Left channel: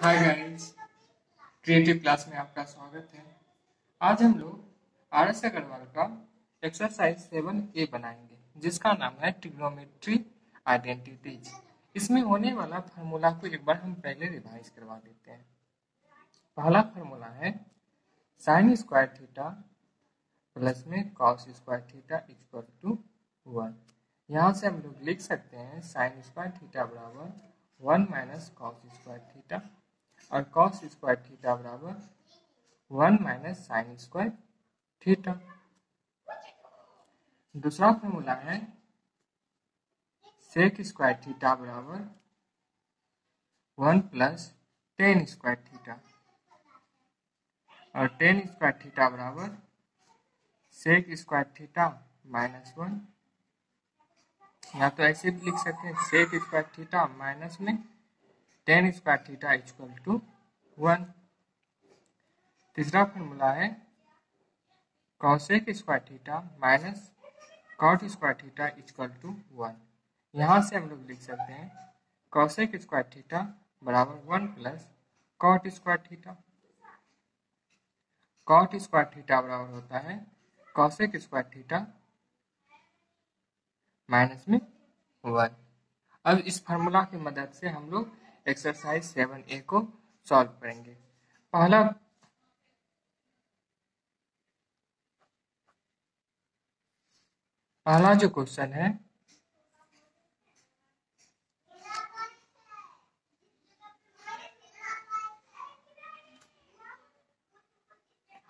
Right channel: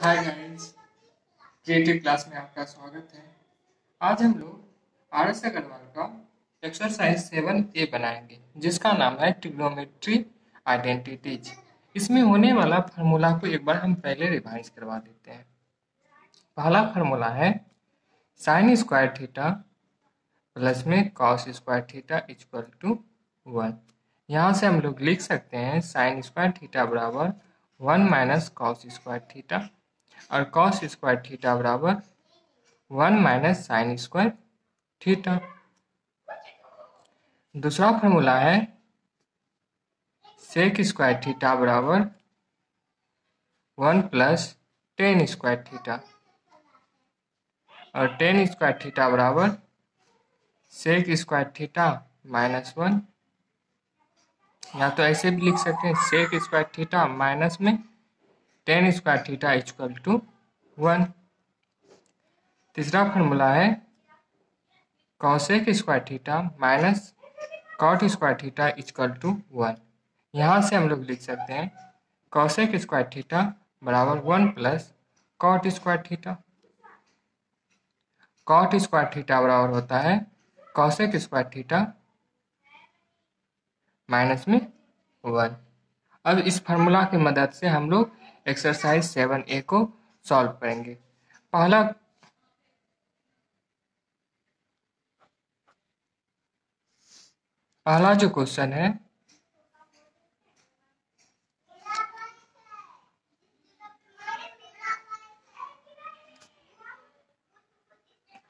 Hi guys, creative class में आपका स्वागत है। आज हम लोग आर एस अग्रवाल का एक्सरसाइज 7A बनाएंगे जिसका नाम है ट्रिग्नोमेट्री आइडेंटिटीज। इसमें होने वाला फार्मूला को एक बार हम पहले रिवाइज करवा देते हैं। पहला फार्मूला है साइन स्क्वायर थीटा प्लस में cos square theta equal to 1। यहाँ से हम लोग लिख सकते हैं साइन स्क्वायर थीटा बराबर 1 माइनस कॉस स्क्वायर थीटा और कॉस स्क्वायर थीटा बराबर 1 माइनस साइन स्क्वायर थीटा। दूसरा फॉर्मूला है सेक स्क्वायर थीटा बराबर 1 प्लस टेन स्क्वायर थीटा और टेन स्क्वायर थीटा बराबर सेक स्क्वायर थीटा माइनस 1। या तो ऐसे भी लिख सकते हैं सेक स्क्वायर थीटा माइनस में tan square theta equal to 1। तीसरा फॉर्मूला है cosec square theta minus cot square theta equal to 1। यहाँ से हम लोग लिख सकते हैं कॉसेक स्क्वायर थीटा बराबर 1 plus cot square theta. Cot square theta बराबर होता है कॉसेक स्क्वायर थीटा माइनस में 1। अब इस फार्मूला की मदद से हम लोग एक्सरसाइज 7A को सॉल्व करेंगे। पहला जो क्वेश्चन है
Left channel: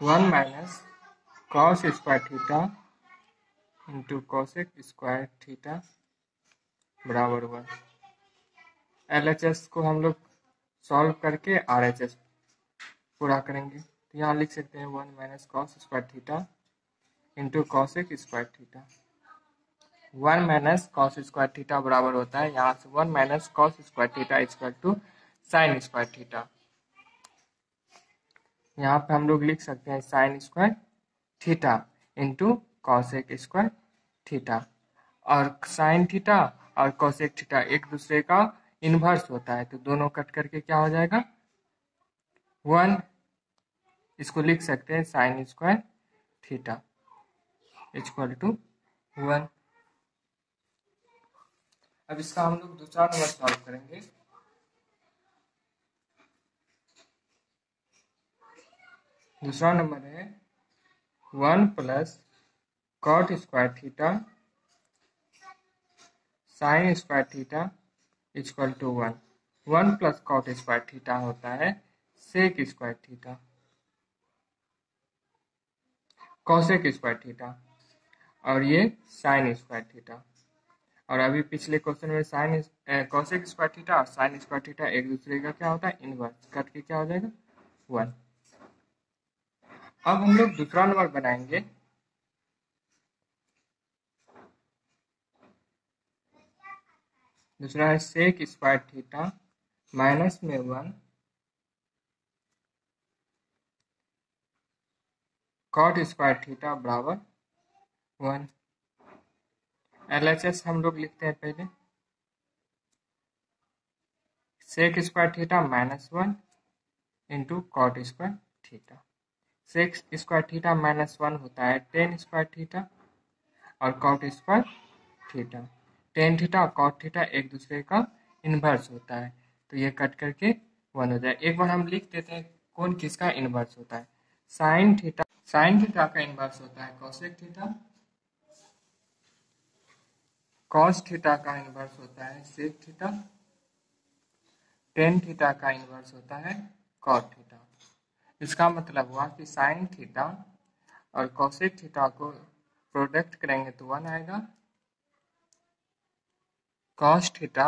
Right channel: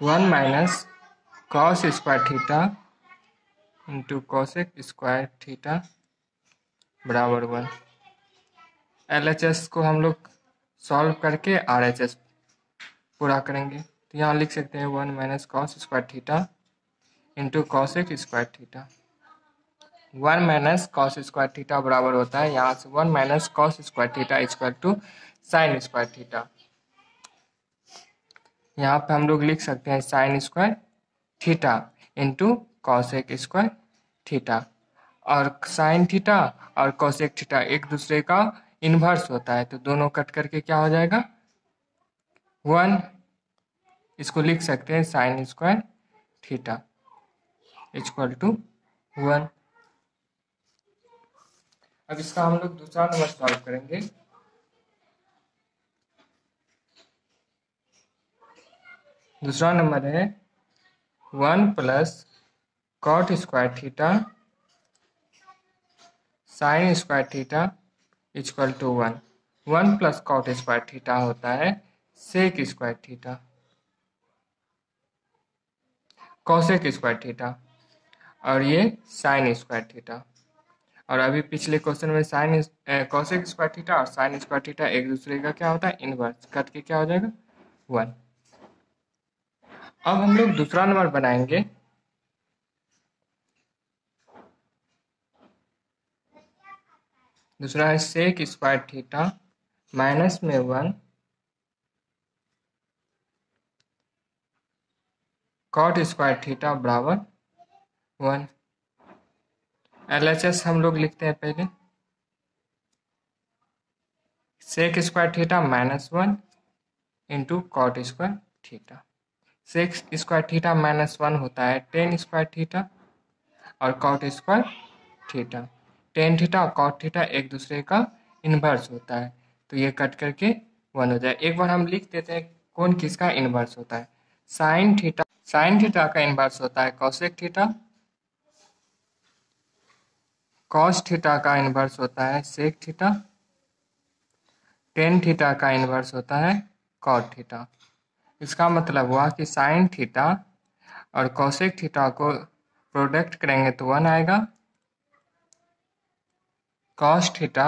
one minus cos square theta into cosec square theta बराबर 1। LHS को हम लोग सॉल्व करके RHS पूरा करेंगे। तो यहाँ लिख सकते हैं 1 minus cos square theta into cosec square theta. 1 minus cos square theta बराबर होता है यहाँ से 1 minus cos square theta equal to sine square theta. यहाँ पे हम लोग लिख सकते हैं sine square theta into cosec square theta. और साइन थीटा और कॉसेक थीटा एक दूसरे का इन्वर्स होता है तो दोनों कट करके क्या हो जाएगा 1। इसको लिख सकते हैं sine square theta equal to 1। अब इसका हम लोग दूसरा नंबर सॉल्व करेंगे। दूसरा नंबर है 1 plus cot square theta sine square theta equal to 1। 1 plus cot square theta होता है sec square theta cosec square theta और ये साइन स्क्वायर थीटा। और अभी पिछले क्वेश्चन में साइन कॉसेक स्क्वायर थीटा और साइन स्क्वायर थीटा एक दूसरे का क्या होता है इनवर्स, कट के क्या हो जाएगा 1। अब हम लोग दूसरा नंबर बनाएंगे। दूसरा है सेक स्क्वायर थीटा माइनस में 1 कॉट स्क्वायर थीटा बराबर 1। LHS हम लोग लिखते हैं पहले sec square theta minus 1 into cot square theta. Sec square theta minus 1 होता है टेन स्क्वायर थीटा और cot square theta. Tan theta और कॉट थीटा एक दूसरे का इन्वर्स होता है तो ये कट करके 1 हो जाए। एक बार हम लिख देते हैं कौन किसका इन्वर्स होता है। साइन थीटा का इन्वर्स होता है कॉसेक थीटा। कॉस थीटा का इन्वर्स होता है सेक थीटा। टेन थीटा का इन्वर्स होता है कॉट थीटा। इसका मतलब हुआ कि साइन थीटा और कॉसेक थीटा को प्रोडक्ट करेंगे तो 1 आएगा। कॉस थीटा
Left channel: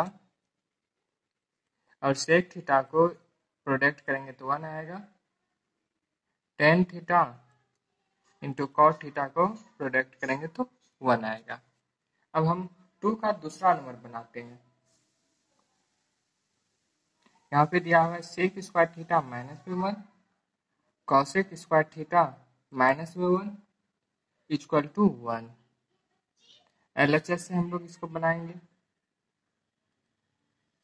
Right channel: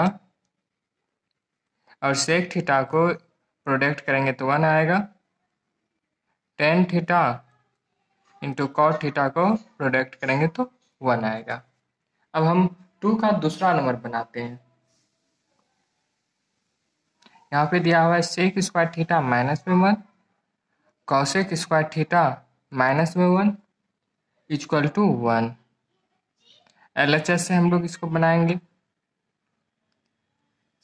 और सेक थीटा को प्रोडक्ट करेंगे तो 1 आएगा। Tan theta into cot theta को प्रोडक्ट करेंगे तो 1 आएगा। अब हम 2 का दूसरा नंबर बनाते हैं। यहाँ पे दिया हुआ है सेक स्क्वायर थीटा माइनस में 1 कॉसेक स्क्वायर थीटा माइनस में 1 इक्वल टू 1। LHS से हम लोग इसको बनाएंगे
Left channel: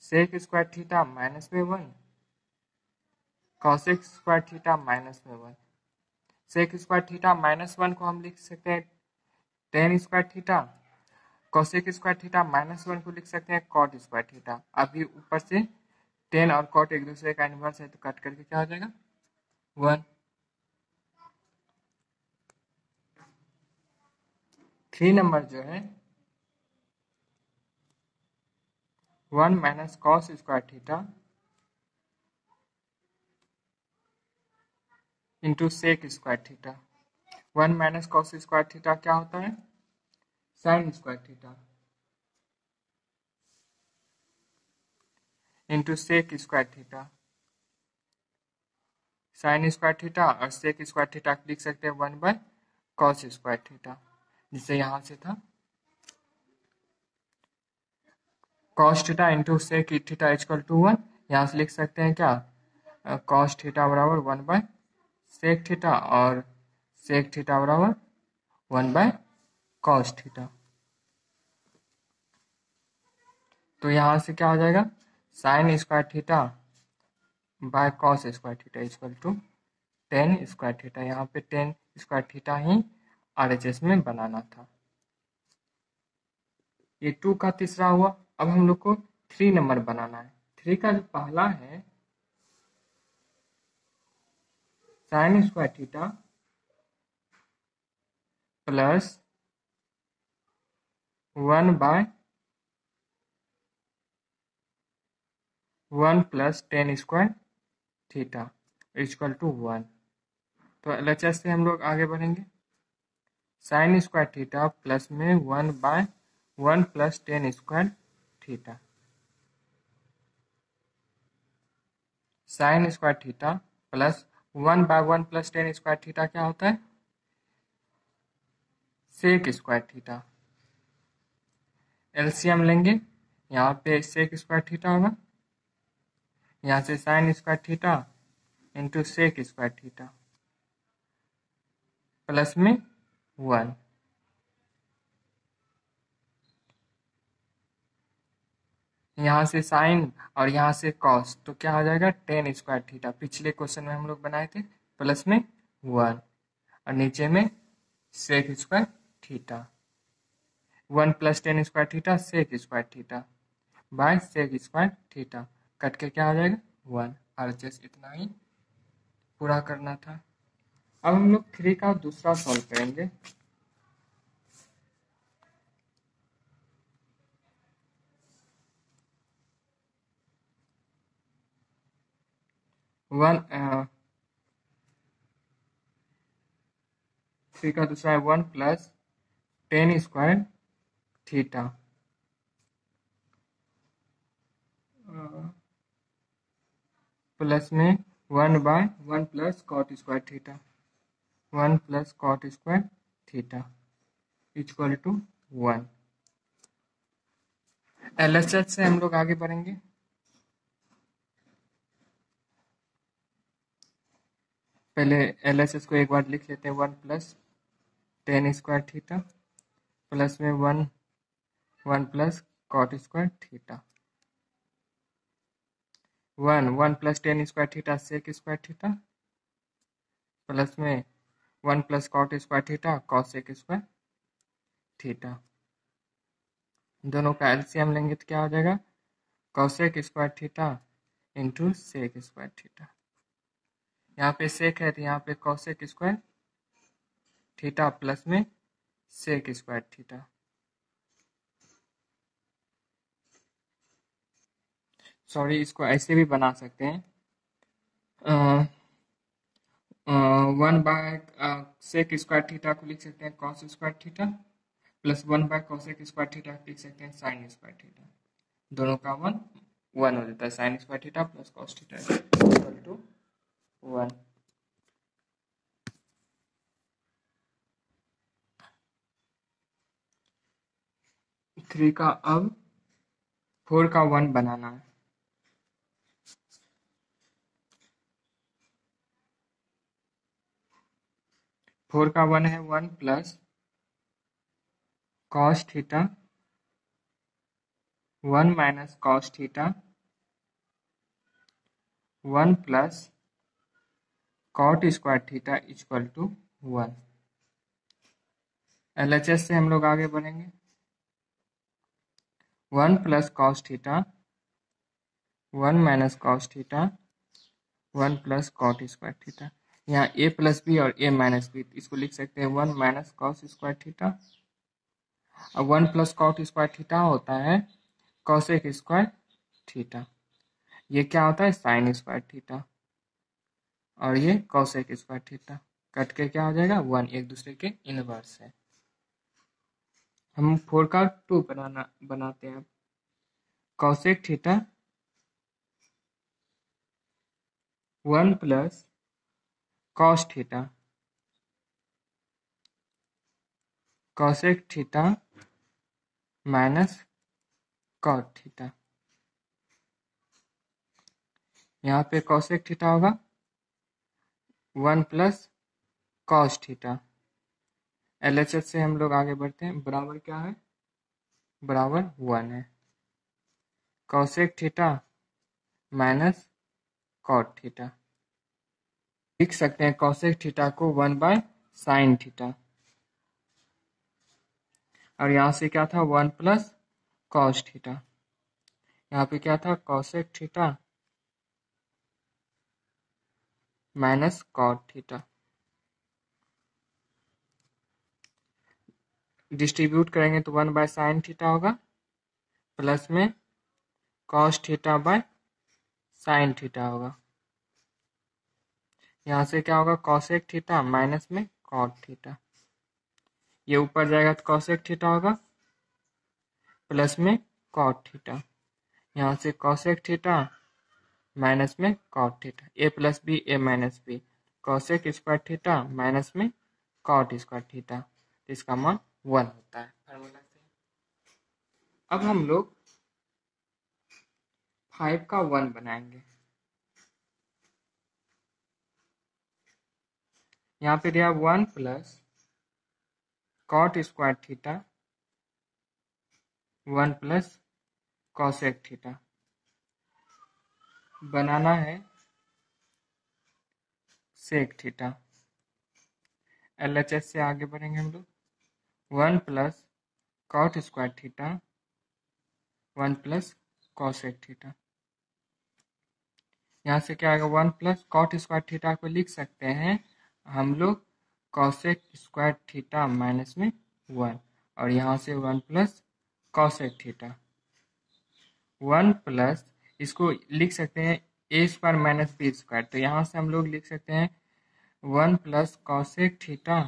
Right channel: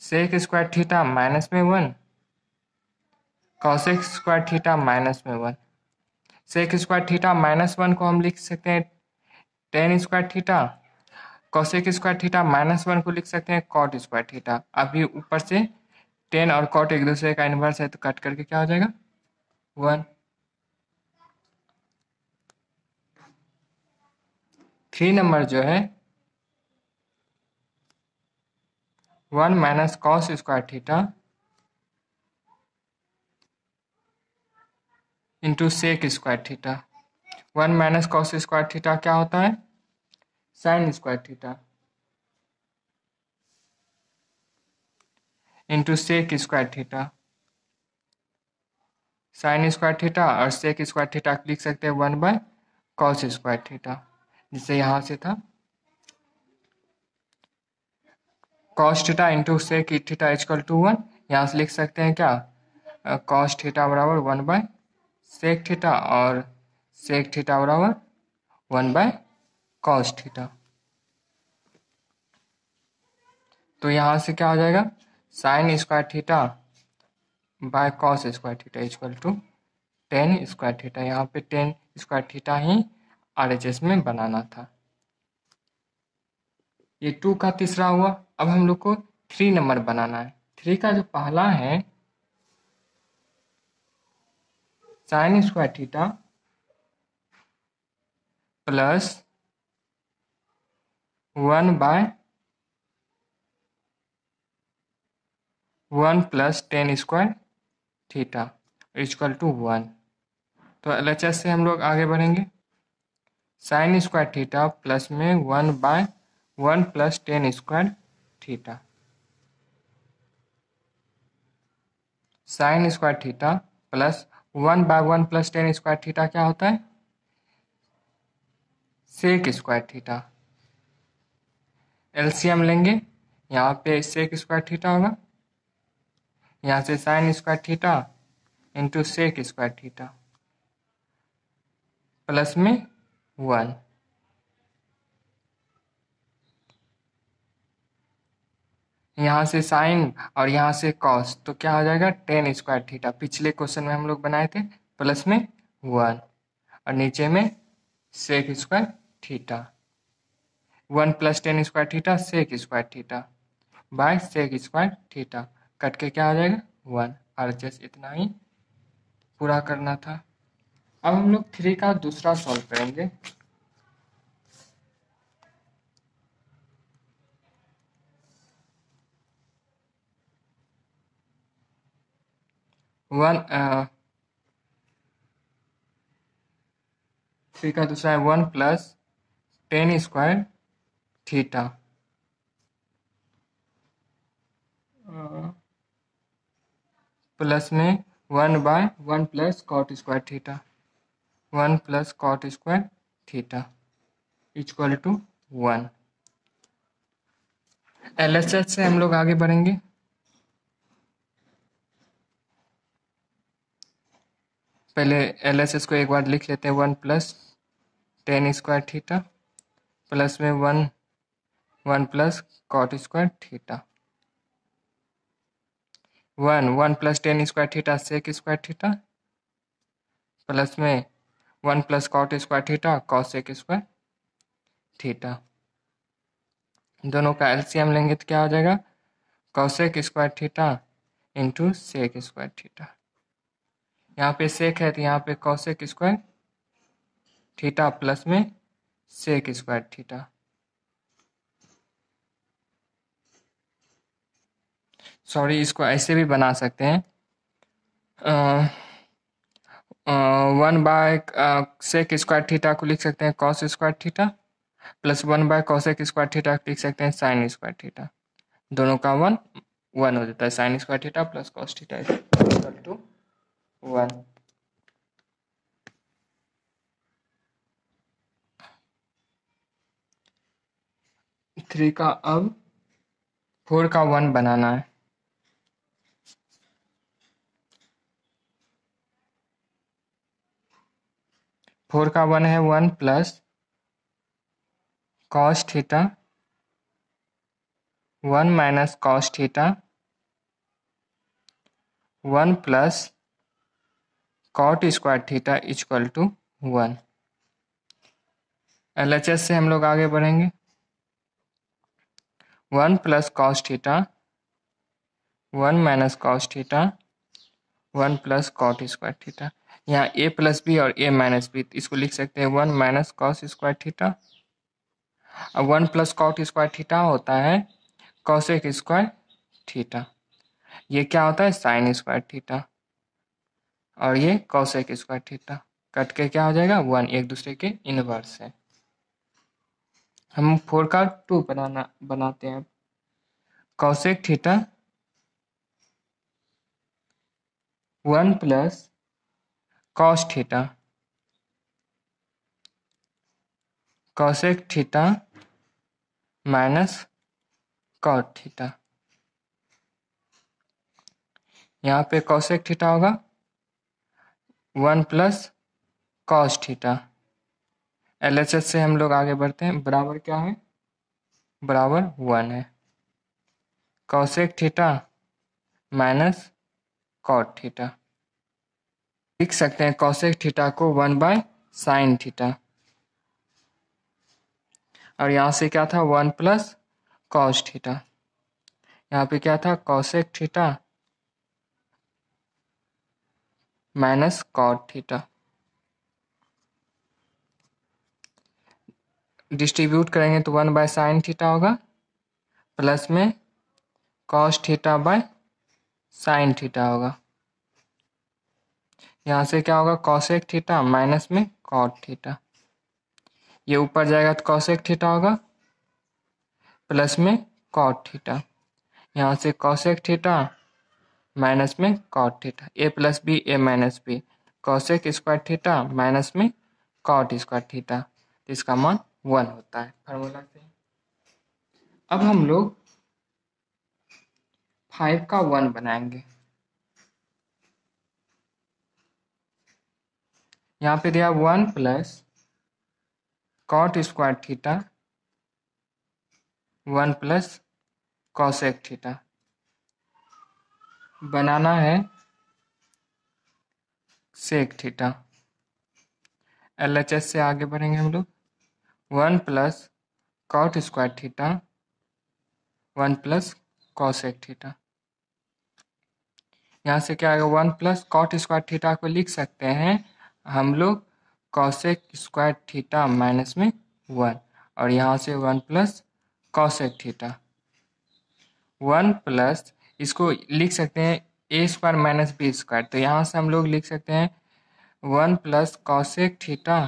सेक स्क्वायर थीटा माइनस में 1 कॉसेक स्क्वायर थीटा माइनस में 1। सेक स्क्वायर थीटा माइनस 1 को हम लिख सकते हैं ten square theta. Cosec square theta minus 1 को लिख सकते हैं कॉट स्क्वायर थीटा। अभी ऊपर से टेन और कॉट एक दूसरे का इनवर्स है तो कट करके क्या हो जाएगा 1। 3 नंबर जो है 1 minus cos square theta into sec square theta. 1 minus cos square theta क्या होता है sine square theta into sec square theta. Sine square theta और सेक स्क्वायर थीटा लिख सकते हैं 1 बाय कॉस स्क्वायर थीटा, जिससे यहाँ से था cos theta into sec theta equal to 1। यहाँ से लिख सकते हैं क्या कॉस थीटा बराबर 1 बाय सेक थीटा और सेक थीटा बराबर 1 बाय कॉस थीटा। तो यहाँ से क्या हो जाएगा sine square theta by cos square theta equal to tan square theta. यहाँ पे टेन स्क्वायर थीटा ही RHS में बनाना था। ये 2 का तीसरा हुआ। अब हम लोग को 3 नंबर बनाना है। 3 का जो पहला है sine square theta plus 1 by 1 plus tan square theta equal to 1। तो LHS से हम लोग आगे बढ़ेंगे। साइन स्क्वायर थीटा प्लस में 1 by 1 plus tan square theta. Sine square theta plus 1 by 1 plus tan square theta क्या होता है सेक स्क्वायर थीटा। LCM लेंगे, यहाँ पे सेक स्क्वायर थीटा होगा, यहाँ से sine square theta into sec square theta plus में 1। यहाँ से साइन और यहाँ से कॉस तो क्या हो जाएगा टेन स्क्वायर थीटा। पिछले क्वेश्चन में हम लोग बनाए थे प्लस में 1 और नीचे में sec square theta. 1 plus tan square theta sec square theta by sec square theta cut के क्या हो जाएगा 1। और जस्ट इतना ही पूरा करना था। अब हम लोग 3 का दूसरा सॉल्व करेंगे। वन 3 का दूसरा है 1 plus tan square theta plus में 1 by 1 plus cot square theta 1 plus cot square theta equal to 1। LHS से हम लोग आगे बढ़ेंगे। पहले LHS को एक बार लिख लेते हैं 1 plus tan square theta plus में 1 plus cot square theta. 1 plus tan square theta sec square theta plus में 1 plus cot square theta cosec square theta. दोनों का LCM लेंगे तो क्या हो जाएगा cosec square theta into sec square theta. यहाँ पे सेक है तो यहाँ पे कॉसेक स्क्वायर थीटा प्लस में सेक स्क्वायर थीटा। सॉरी इसको ऐसे भी बना सकते हैं 1 बाय सेक स्क्वायर थीटा को लिख सकते हैं cos square theta plus 1 bye cosec square theta लिख सकते हैं साइन स्क्वायर थीटा। दोनों का 1 हो जाता है sine square theta plus cos theta equal to 1। Three का अब 4 का 1 बनाना है। फोर का 1 है 1 plus cos theta 1 minus cos theta 1 plus cot square theta equal to 1। LHS से हम लोग आगे बढ़ेंगे। 1 plus cos theta 1 minus cos theta 1 plus cot square theta. यहाँ a प्लस बी और a माइनस बी, इसको लिख सकते हैं 1 माइनस कॉस स्क्वायर थीटा। अब 1 प्लस कॉट स्क्वायर थीटा होता है कॉसेक स्क्वायर थीटा। ये क्या होता है साइन स्क्वायर थीटा, और ये कॉसेक स्क्वायर थीटा कट के क्या हो जाएगा 1, एक दूसरे के इनवर्स है। हम 4 का 2 बनाते हैं। Cosec theta 1 plus cos theta cosec theta minus cot theta. यहाँ पे कॉसेक थीटा होगा 1 प्लस कॉस थीटा। LHS से हम लोग आगे बढ़ते हैं। बराबर क्या है, बराबर 1 है। Cosec theta minus cot theta, लिख सकते हैं कॉसेक थीटा को 1 बाय साइन थीटा, और यहाँ से क्या था 1 प्लस कॉस थीटा। यहाँ पे क्या था cosec theta minus cot theta. Distribute करेंगे तो 1 बाय साइन थीटा होगा, प्लस में cos theta by sine theta होगा। यहाँ से क्या होगा कॉसेक थीटा माइनस में कॉट थीटा। ये ऊपर जाएगा तो कॉसेक थीटा होगा प्लस में कॉट थीटा। यहाँ से कॉसेक थीटा माइनस में cot theta, A plus B A minus B, cosec square theta minus में कॉट स्क्वायर थीटा, इसका मान 1 होता है फार्मूला से। अब हम लोग 5 का 1 बनाएंगे। यहाँ पे दिया 1 plus cot square theta 1 plus cosec theta. बनाना है सेक थीटा। LHS से आगे बढ़ेंगे हम लोग। 1 plus cot square theta 1 plus cosec theta. यहाँ से क्या आएगा 1 प्लस कॉट स्क्वायर थीटा को लिख सकते हैं हम लोग कॉसेक स्क्वायर थीटा माइनस में 1, और यहाँ से 1 प्लस कॉसेक थीटा। 1 प्लस इसको लिख सकते हैं ए स्क्वायर माइनस बी स्क्वायर, तो यहाँ से हम लोग लिख सकते हैं 1 प्लस कॉसेक थीटा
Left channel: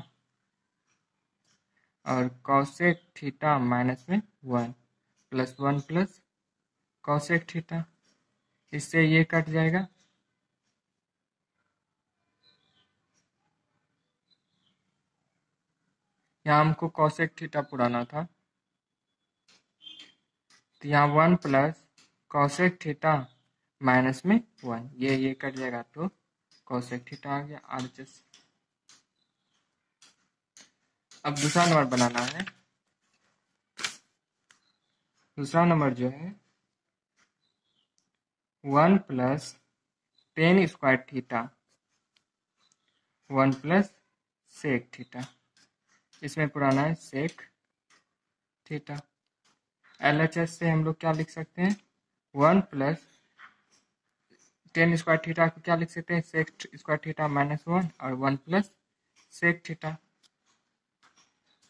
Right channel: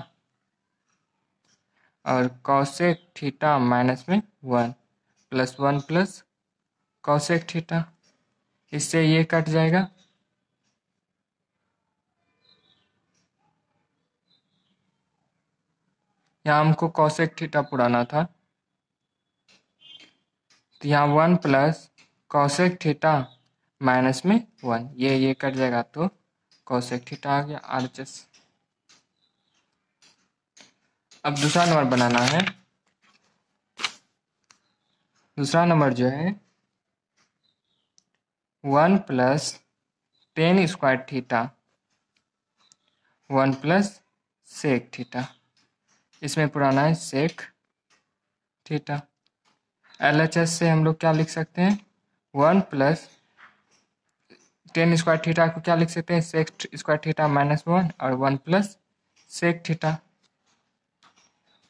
और कॉसेक थीटा माइनस में 1 प्लस 1 प्लस कॉसेक थीटा। इससे ये कट जाएगा, यहाँ हमको कॉसेक थीटा पुराना था, तो यहाँ 1 प्लस कॉसेक थीटा माइनस में 1, ये कट जाएगा तो कॉसेक थीटा आ गया RHS। अब दूसरा नंबर बनाना है। दूसरा नंबर जो है 1 plus tan square theta 1 plus sec theta, इसमें पुराना है सेक थीटा। LHS से हम लोग क्या लिख सकते हैं 1 प्लस टेन स्क्वायर थीटा को क्या लिख सकते हैं सेक स्क्वायर थीटा माइनस 1, और 1 plus sec theta.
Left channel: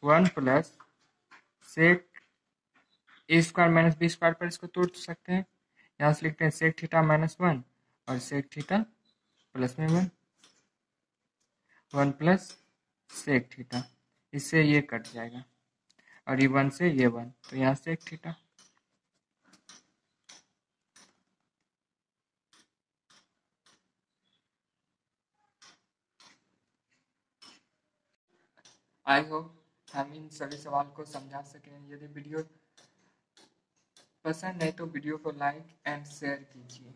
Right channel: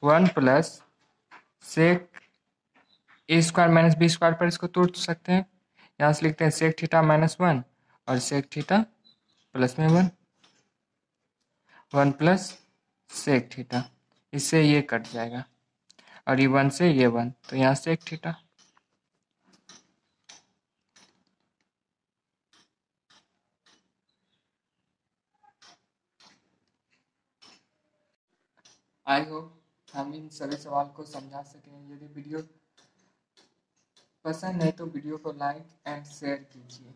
1 plus sec A square minus B square पर इसको तोड़ सकते हैं। यहाँ से लिखते हैं सेक थीटा माइनस 1 और सेक थीटा प्लस में 1, 1 प्लस सेक थीटा। इससे ये कट जाएगा, और ये 1 से ये 1, तो यहाँ सेक थीटा। आई होप हम इन सभी सवाल को समझा सकें। यदि वीडियो पसंद है तो वीडियो को लाइक एंड शेयर कीजिए।